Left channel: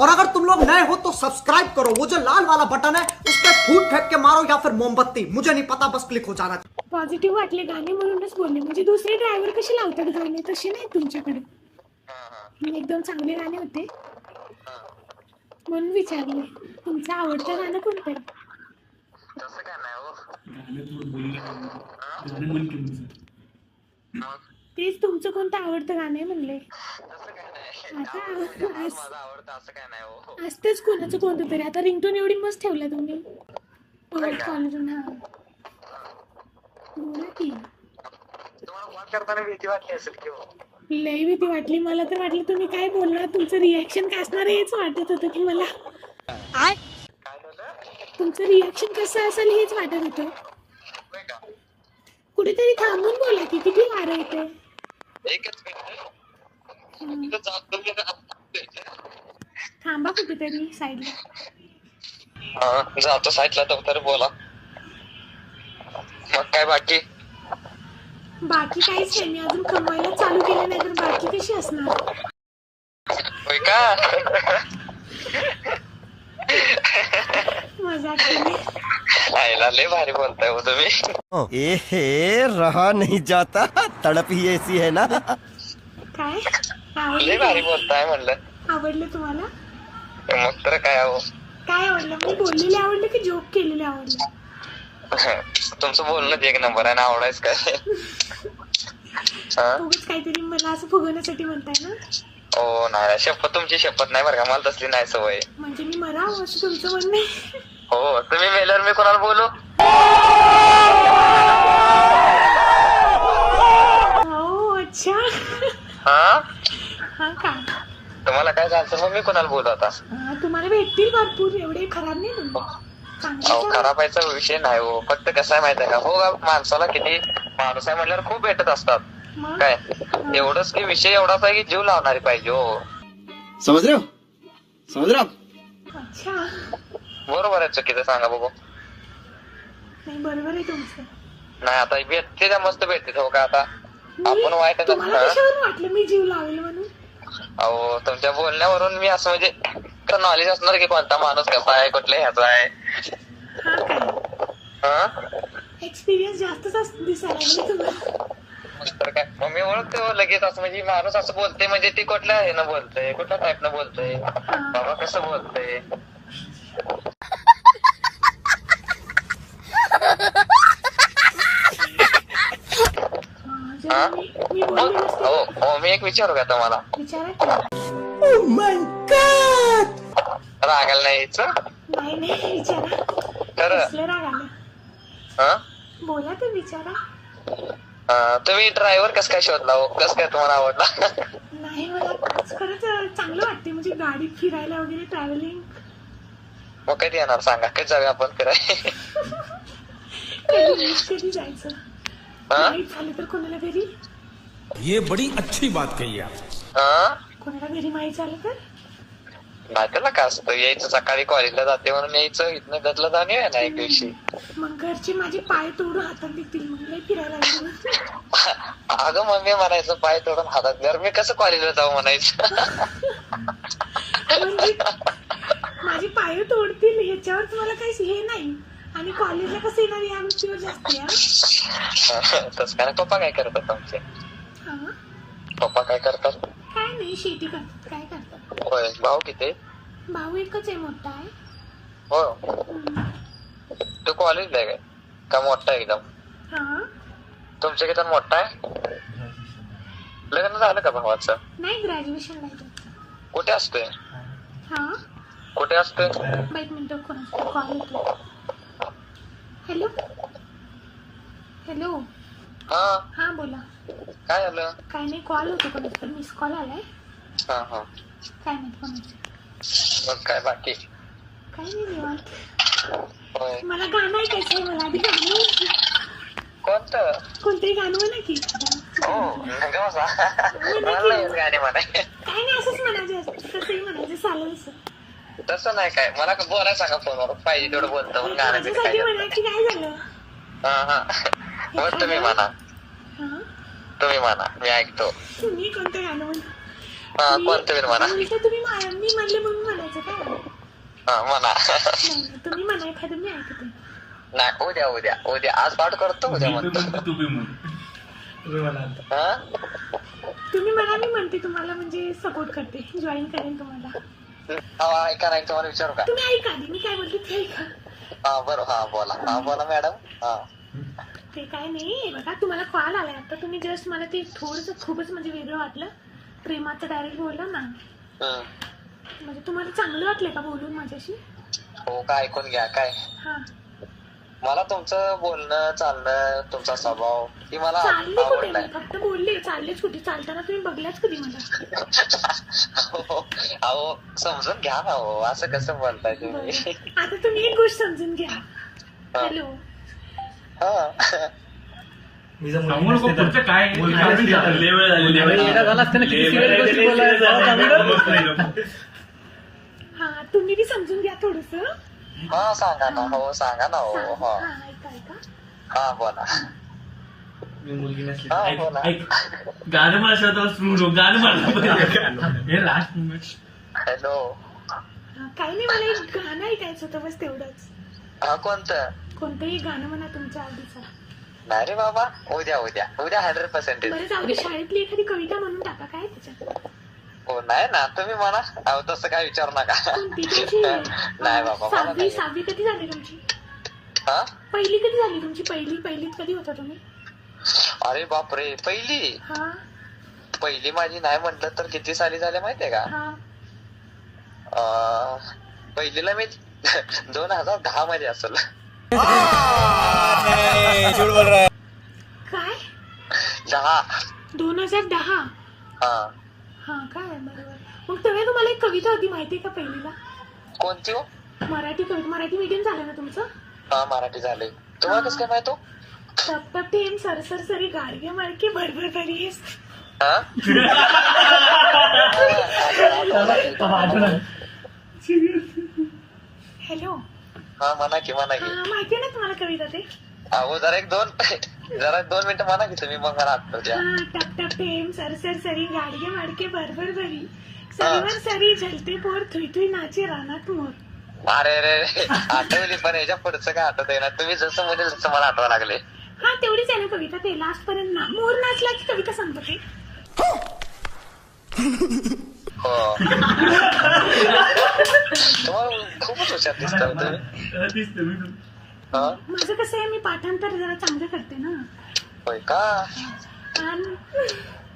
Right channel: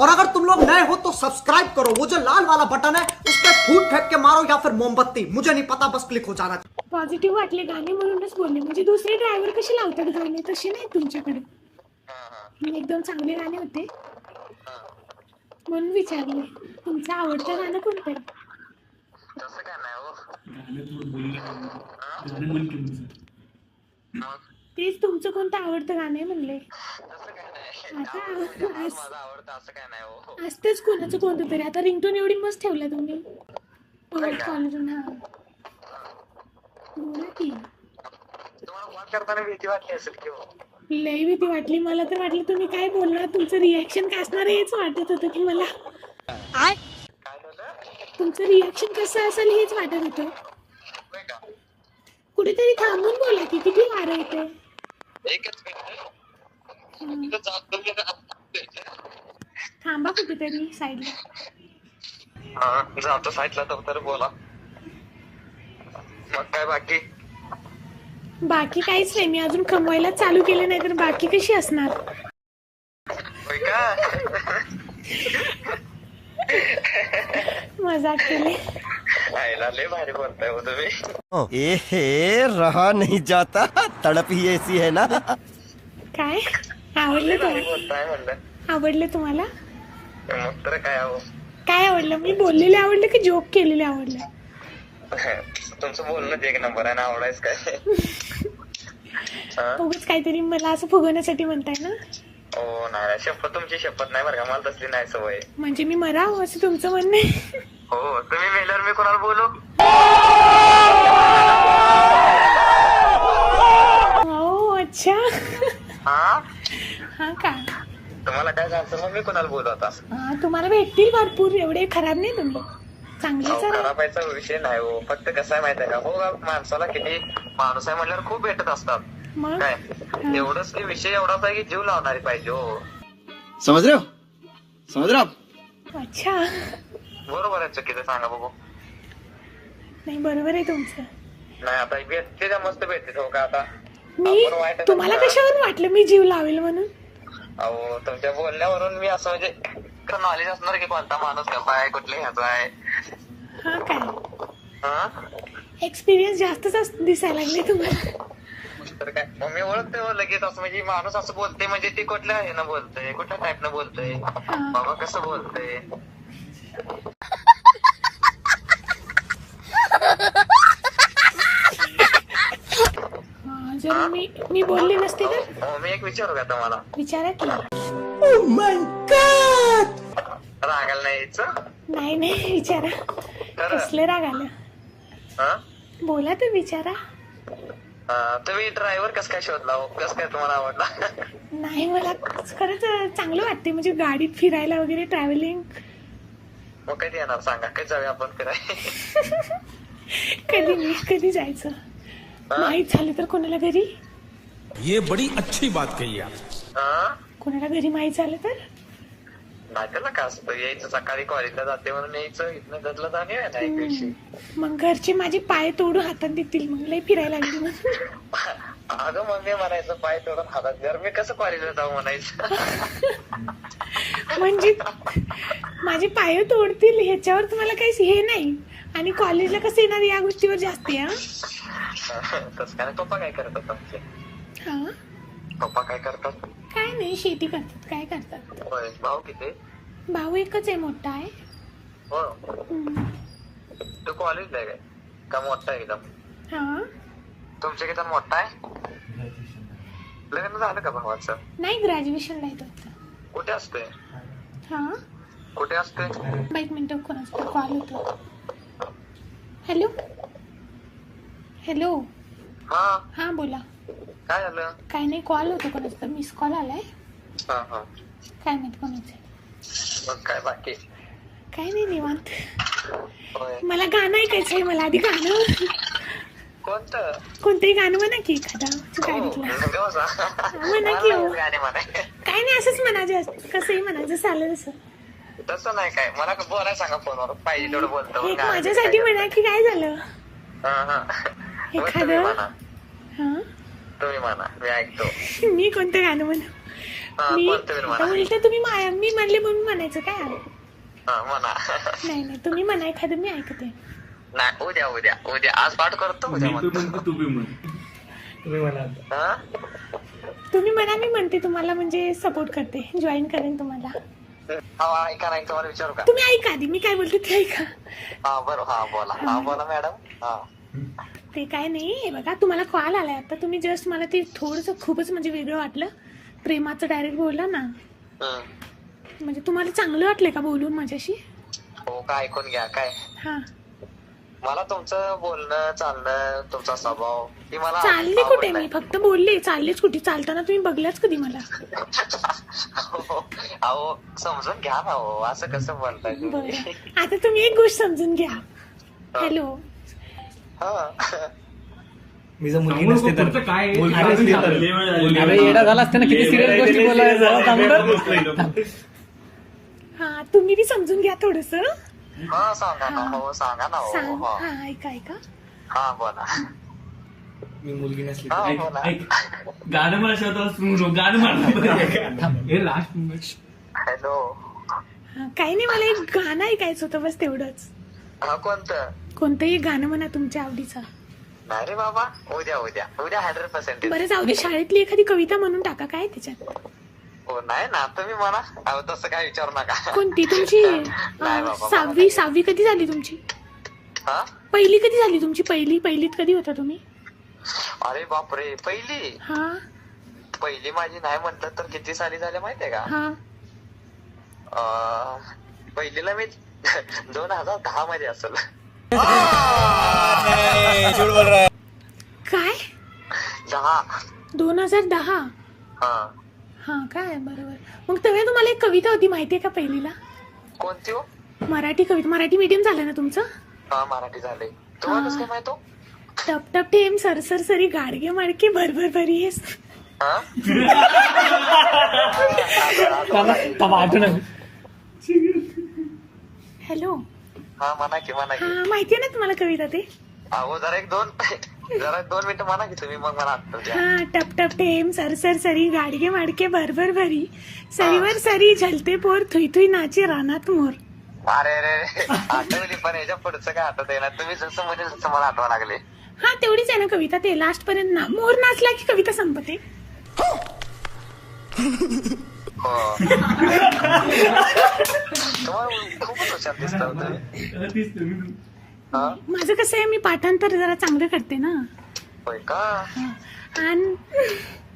और अगर तुम लोग नए हो तो सब्सक्राइब करो, वो जो लाल वाला बटन है उस पर फूट फेंक के मारो या फिर मोमबत्ती, मुझे नहीं पता, बस क्लिक हो जाना चाहिए। पॉझिटिव्ह वाटले गाणे म्हणूनच बोलले, म्हणजे दुसरे ड्रायव्हर कसे लावतात गाणे तसे नाही तुमच्याकडे. एकदम चांगले गाणे होते म्हणून विचारले. तुमचं आवडतं गाणं कोणतं आहे? तसं काय नाही हो. तेच तुमचं कोणतं आवडतं गाणं आहे म्हणले. तसं काय नाही. आता माझं आवडतं असं काय नाही हो. असतेच कोणाचं कोणतं तरी. आता रिंगटोन एवढी मस्त ठेवला तुम्ही कॉलरून. हा बोला की. तुम्हाला कॉल करताना भीती वाटली असेल की हो. लई भीती वाटली मला तर. वाटलं तुम्ही काय बोलणार, तुमचं रिॲक्शन काय असणार हेच वाटत होतं की मला. काय झालं? तुमचं रिॲक्शन कसं असेल हेच वाटत होतं. होय का? कुठेतरी थांबून बोला की, किती वारं येते. एकच मिनिट. इथं जातो मी. थांबा कुठेतरी साईडला. हा जातो साईडला तर बोला. मग काय बाकी? बाकी काहीच नाही, मी अजून कमवायला चालू केलं नाही तर बाकी कशी असणार. होय का? मजाक केली. आईला लय भारी बोलताय हो तुम्ही. ए रहा नहीं जाता, तड़प ही ऐसी है ना. काय लय आवडलं? भारी बोलताय म्हणलं. आवडलं तुम्हाला? मग तर काय हो. काय आवडलं? मी बोललेले आवडलं की जोक केलेले आवडलं? तुमचं बोलणं एक नंबर आहे ना. आवडायच काय? उगाच काहीतरी मला असं फुगवण्यासाठी म्हणताय ना. हो नाही, शपथ तुमची शपथ नाही बरं का, मला तसली नाही सवय. म्हणजे मी मरावं असं तुमचं म्हणणं आहे? हो तुम्ही मेल्यावर मी कोणाला बोलू? हो अच्छा. हा हा का. तुम्हाला काय झालं मग मी कोणाला बोलू आता? हा तुम्हाला भेटतील भरपूर, एवढे खराब नाही तुम्ही, चांगले. अहो खराबायचा विषय नाही हो. फक्त कसं आहे माहिती आहे का हो, माणसाला किती माणूस आहे म्हटल्यावर खूप भेटत असतात. मग काय एवढंच की विषय एवढाच आहे की जीव लावणारी पाहिजे हो. समझ रहे हो, समझ रहे हो आप. अच्छा. बरोबर आहे चुकीचं सांगा बघू. नाही बरोबर आहे तुमचं. नाही आता भेटते त्या मस्त भेटते हो का. आता मी आपण वाईट तुम्हाला कशावरून वाटलं मी जीव लावेल म्हणून? अहो तुमच्या बोलण्यावरून मी असं म्हणजे नॉलेज असणार की कोणता माणूस कसा आहे, कुठल्या ह्याचा आहे. हा काय हा एक्सपिरियन्स जास्तच दिसायला लागले तुम्हाला. तर काय मग मी ओळखते हो लगेच. असं म्हणजे माणूस असं बोलतोय म्हणजे ती कुठल्या हे ना बोलतोय, कुठल्या टाईप न बोलतोय, बाबा कसं बोलतोय. जर मी बोलले नसते हो ना. हो मी एक विचारू का तुम्हाला? विचारा की. रागायला नाही यायचं. नाही नाही विचारा. खरं कसले राग आलं. हा बोला तर विचारा. तुम्ही ड्रायव्हर कस काय शोधला हो? कस काय तुम्हाला आवडला? नाही मला खरंच चांगलं वाटते, म्हणजे गाडीत फिरायला वगैरे ट्रॅव्हलिंग. मग कधी येणार सांगा, कधी जाऊया आपण फिराय? कधी जायचं माहीत झालं तर कोणाला घरी. ये बड़ी अच्छी बात कही आप. कोणाला घरी माहीत झालं तर. नाही त्याला काय असतं, यायचं सकाळी कॉलेजला जाते म्हणून यायचं, इथनं घरला जाऊन येऊया ना एक दिवशी. मग घरचे माझे पाय तोडून हातात देतील, मग लय फिरायला लागली. अगं मम्मी म्हणायचं पाय तोडून हातात द्या, मी कसं कॉलेजला जाऊ म्हणायचं. म्हणजे माझे पाय तोडतील ह्याच्यावर तुम्हाला काही हे नाही, आणि कॉलेजला कसं येणार या गोष्टीवर जास्त आहे. तस काय. पप्पा काय करतात तुमचे? हा पप्पा काय करतात? काय नाही, शेती करतात. काय करतात? होय. भाऊ किती? भाऊ एकच आहे, मोठा आहे. हो. हम्म. तू कॉलेजला आहे काय का मोठा आहे एकदम? हा तुमच्या किती मोठा आहे? लग्न झालं का भावाचं? नाही ग्रॅज्युएशन नाही करत. कुठे असतोय? हा कुठे असतोय? एक मिनिट, कोणाचा कॉल येतो. Hello hello. हा हा बोला. काय झालं? काय नाही, कॉल होतो कोणाचा, मिस कॉल आलाय. हा हा. काय माहित कोणाचं. मग काय बाकी? काय नाही निवांत. होय. मला गाणं ऐकायचं आहे. मला आधी गाणं कोणतं? कोणतंही गाणं म्हणा की एखादा. हो गाणं बसा. म्हणा मला की. नाही येत गाणे म्हणाय. काय नाही असंच म्हणायचं, कसंही म्हणायचं चालेल असं. तसं नाही काय, मला बोलायला सांगा फोनवर, पाहिजे तेवढं बोलतो. एक माझ्यासाठी म्हणा की काय झालं. हा हा. मग तुम्ही म्हणा, हा तुम्ही म्हणा, मी ऐकतो. मी कोणतं गाणं म्हणा? कोणतं बी म्हणा. उलट तुम्ही मी म्हणले म्हणून म्हणायचं काय? म्हणा. नाही नाही, तुम्ही म्हणा एखादं, मी ऐकते. नाही, उद्या आज पाठ करतो, उद्या म्हणतो. हा? तुम्ही म्हणा, मी म्हणते तुम्हाला, म्हणजे सपोर्ट करते, जॉईन करेन तुम्हाला. ऐका नाही, तुम्हाला विचारू का? तुम्ही ऐका आधी, मी काय बोलते ते ऐका. बरोबर. बोला मॅडम. ते काय नाही, हे बघा तुम्हाला कॉल आलाय आता, तुम्ही जस्ट मला ते थोडंसं खूपच म्हणजे वेगळं वाटलं, प्रेमाचं डायरेक्ट बोललं ना, म्हणजे तुम्हाला चांगलं वाटलंय का बोलून माझ्याशी? हो का, ऐकून घ्या. काय हा, मला तुमचं बोलणं चालणं, तुमचा स्वभाव ती मला चालले कुठे? आवडलाय. मी फक्त बोलले, चाललेच कुठे? चालताना तुम्ही बघलाच कधी मला? अहो समजून घ्या ना. हो असं कसं बोलताय तुम्ही? बरं. आता तुम्ही एक गोष्ट समजून घ्या. हॅलो, मी जर मुलगी नसते तर येडा झाला असते ना, किती सिरियस गोष्टी बोलायला. हा तुम्ही बी समजून घ्या थोडस. सांगा ना. हो सांगा ना. हो हो. हा, ऐका ऐका. हा बोला. मी मुलगी नसली हा बोला. गाणं मला गाणं हॅलो. हा, काही नाही, मला एक गाणं ऐकायचं होतं, बस तेवढंच. कोणतं? कोणतंही गाणं म्हणा तुमच्या आवडीचं. नाही रे बाबा, उद्या 100%. बरं जाऊ दे, शाळेतली एखादी कविता म्हणून टाका, काय त्याच्यात? हो नाही ना, तुम्ही म्हणा. अहो तसं काय विचारू नका. कोणती तुमची? नाही बाबा, मला नाही. सहावी कधी झाली तुमची? हा? पहिली कधी झाली तुमची? पहिलीत कधी होता तुम्ही? अरे बापरे, पहिली हा माझी नाही म्हटलं तर किती साली झाले माहितीये का? हा, पहिलीला मी 2010 मध्ये असेल. काय? 10. 2010? हा. हा काय, बरोबर. मग तेव्हा तुम्हाला एक कविता होती माहितीये का पहिलीला? कोणती हो? मराठी कविता. मराठी मीडियम झालं ना तुमचं? हा, मराठी झाले. तुम्हाला कसं काय माहित हो? टप टप टेम सरसर सरी गाडगे माडके भरभर भरीस. हा? हॅलो. हा म्हणा की. हा, माहितीये ना तुम्हाला कविता ते? अहो जरा एक दोन मिनिटं म्हणा की तुम्ही, मग मला आठवत द्या. हा, टप टप टेम सरसर सरी गाडगे माडके भरभर भरी, सरीवर सरी झलते पोर, थुई थुई नाचे रानात मोर. अरे रे, आठवली, पण याच्या पुढचं काय आठवत ना? तुम्ही जसं म्हणेल तसं मला आठवा लागले. हा, तेवढीच आहे ना कविता, ते लास्ट पर्यंत ना मोर नाचला की कविता संपते. हो. तुम्हाला खूपच हुशार दिसत तुम्ही. माझं कसं आहे, मी पाठांतर जरा चांगलं करते ना. होय का? आणि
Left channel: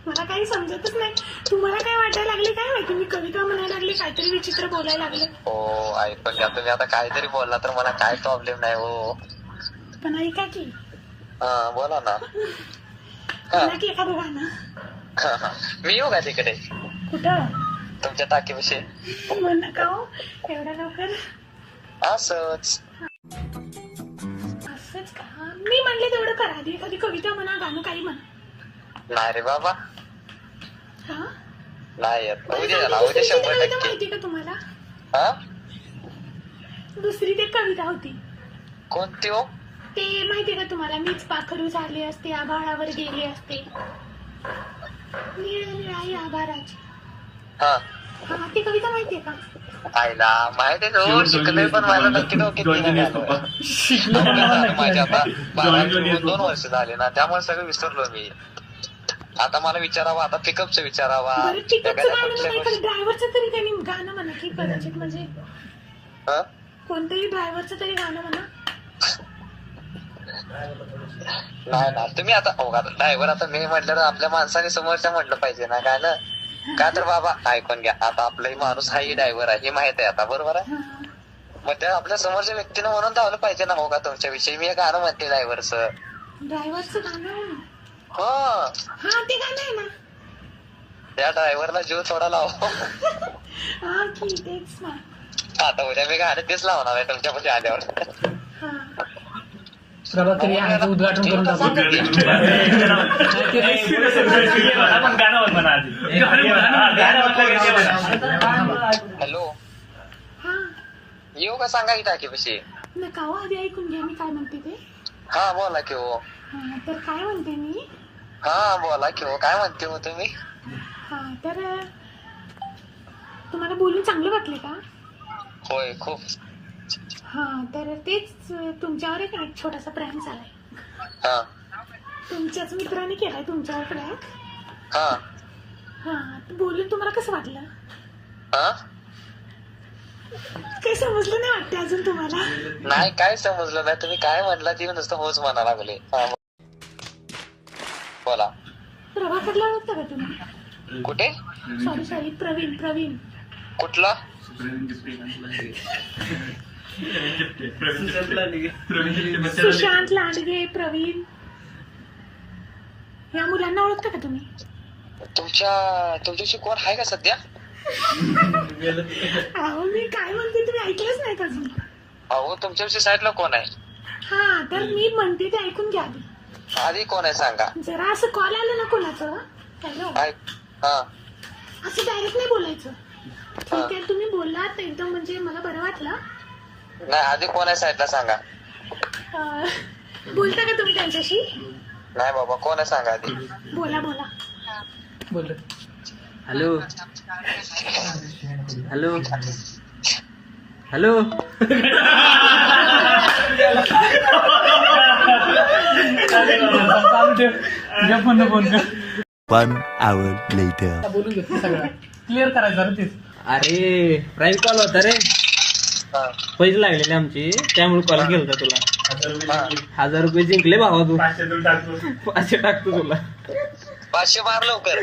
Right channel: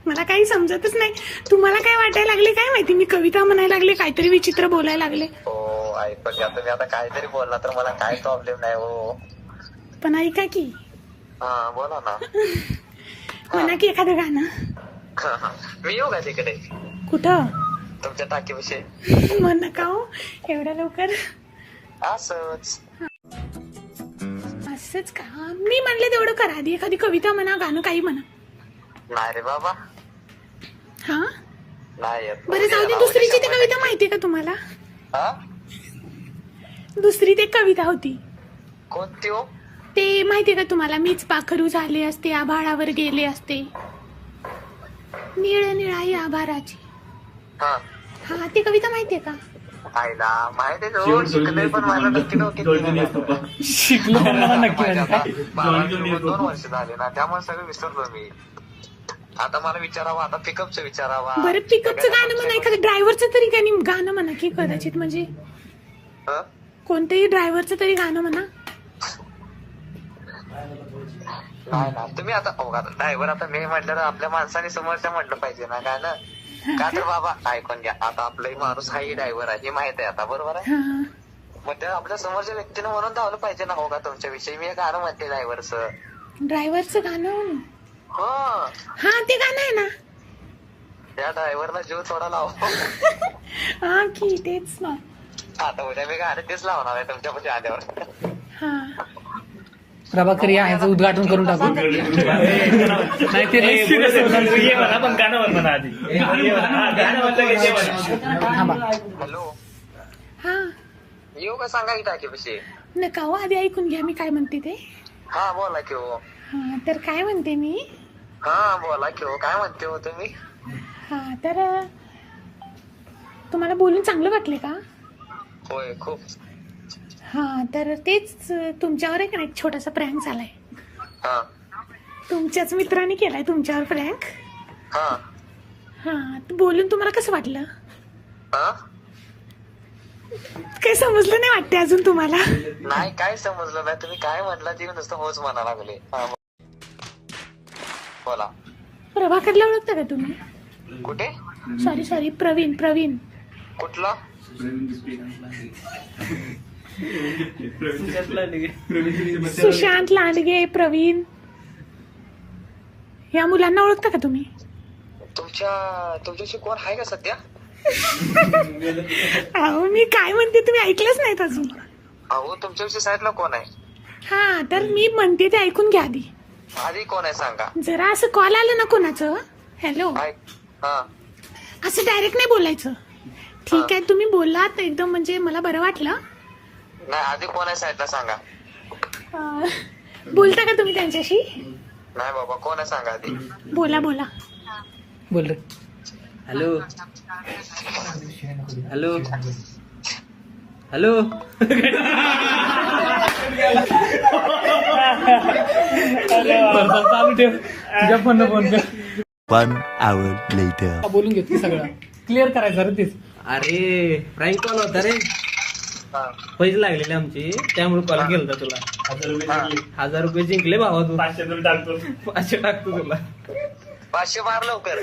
मला काही समजतच नाही. तुम्हाला काय वाटायला लागले काय माहिती, मी कविता म्हणायला लागले, काहीतरी विचित्र बोलायला लागले. हो ऐकून घ्या. तुम्ही आता काहीतरी बोलला तर मला काय प्रॉब्लेम नाही हो. पण ऐका की. हा बोला ना. म्हणा की एखादं गाणं. मी येऊ का तिकडे कुठं? तुमच्या टाकीविषयी? म्हण नका हो एवढ्या लवकर. असंच असंच का? मी म्हणले तेवढं करा आधी, एखादी कविता म्हणा, गाणं काही म्हणा. नाही रे बाबा, हा नाही येत. बरं जाऊ दे, दुसरी ती कविता माहितीये का तुम्हाला? हा? दुसरी ते कविता होती, कोणती हो? ते माहितीये का तुम्हाला? मीच पाखरू झाले असते, आभाळावर गेले असते, निळ निळाई आभाराची. हा, हा, ती कविता माहितीये का? आईला माहिती हो, शिकलोय पण मला नक्की शिकलो माझ्या आता 2 वर्ष झाले ना, त्यामुळे सगळं विसरलो मी. आता मला विचारावं, आता पिकअपचं विचारावा. बरं पिकअपचं गाणं म्हणा, एखादं ड्रायव्हरचं तरी काही गाणं म्हणा की, कदाचित म्हणजे कोणतेही ड्रायव्हरचं तरी गाणं म्हणा. नाही ना, तुम्ही आता ड्रायव्हर, आता मी म्हटलं आपल्या माणसाने समोरच्या म्हटलं पाहिजे ना काय ना. का तर बाबा ऐकून घ्या, आता आपलाही माणूस हाही ड्रायव्हर आहे हे माहित आहे आता, बरोबर आहे? मग त्या आपल्या समोरच्या व्यक्तीने म्हणून धावलं पाहिजे ना. हो का, तुमच्या विषयी मी गाणं म्हणते ड्रायव्हरचं. ड्रायव्हरचं गाणं? हो, हा ते गाणं आहे ना. त्या ड्रायव्हरला जीव थोडा लाव. हा की तेच ना. आता उद्या मी गाणं तेच लावणार आहे तुमच्यापाशी आल्यावर. हा प्रभाकर याचं उद्घाटन करून टाकू. हॅलो. हा येऊ का सांगा की टाकीपाशी? नका हो, आधी ऐकून घ्या मी काय म्हणते ते. हा बोला की हो. हा तर काय म्हणते मी. हा बोला की हो, काय म्हणते हो तुम्ही? हा तर तुम्हाला बोलून चांगलं वाटले का? होय खूप. हा तर तेच तुमच्यावर एक ना एक छोटासा प्रँक झालाय. हा तुमच्याच मित्राने केलाय तुमच्यावर प्रँक. हा हा तर बोलून तुम्हाला कसं वाटलं? हा काही समजलं नाही वाटते अजून तुम्हाला? नाही काय समजलं नाही. तुम्ही काय म्हटला ती नुसतं होच म्हणा लागले. हा बोला. प्रभाकरला ओळखता का तुम्ही? कुठे? सॉरी प्रवीण. कुठला? सुशांत लांडगे, प्रवीण या मुलांना ओळखता का तुम्ही? तुमच्याशी कोण आहे का सध्या? अहो मी काय म्हणते तुम्ही ऐकलंच नाहीत अजून. अहो तुमच्याविषयी साईडला कोण आहे? हा तर मी म्हणते ते ऐकून घ्या आधी. आधी कोण आहे सांगा. जरा असं कॉल आलं ना कोणाचं, हॅलो हा असं डायरेक्ट नाही बोलायचं. ठीक आहे तुम्ही बोललात एकदम म्हणजे मला बरं वाटलं. नाही आधी कोण आहे साईडला सांगा. बोलता का तुम्ही त्यांच्याशी? नाही बाबा कोण आहे सांगा आधी. बोला बोल रे. हॅलो हॅलो हॅलो चालू ठेव तुझ्या फोन फोन कर. 1 hour later. बोलून घेतली सगळं क्लिअर करायचं रे तेच. अरे प्राईम कॉल होता रे. हा पैसे लागलेले आमचे त्यामुळे कॉल केला होता तुला. 1000 रुपये जिंकले भावा तू. 500 टाकतो तुला. 500 मार लवकर.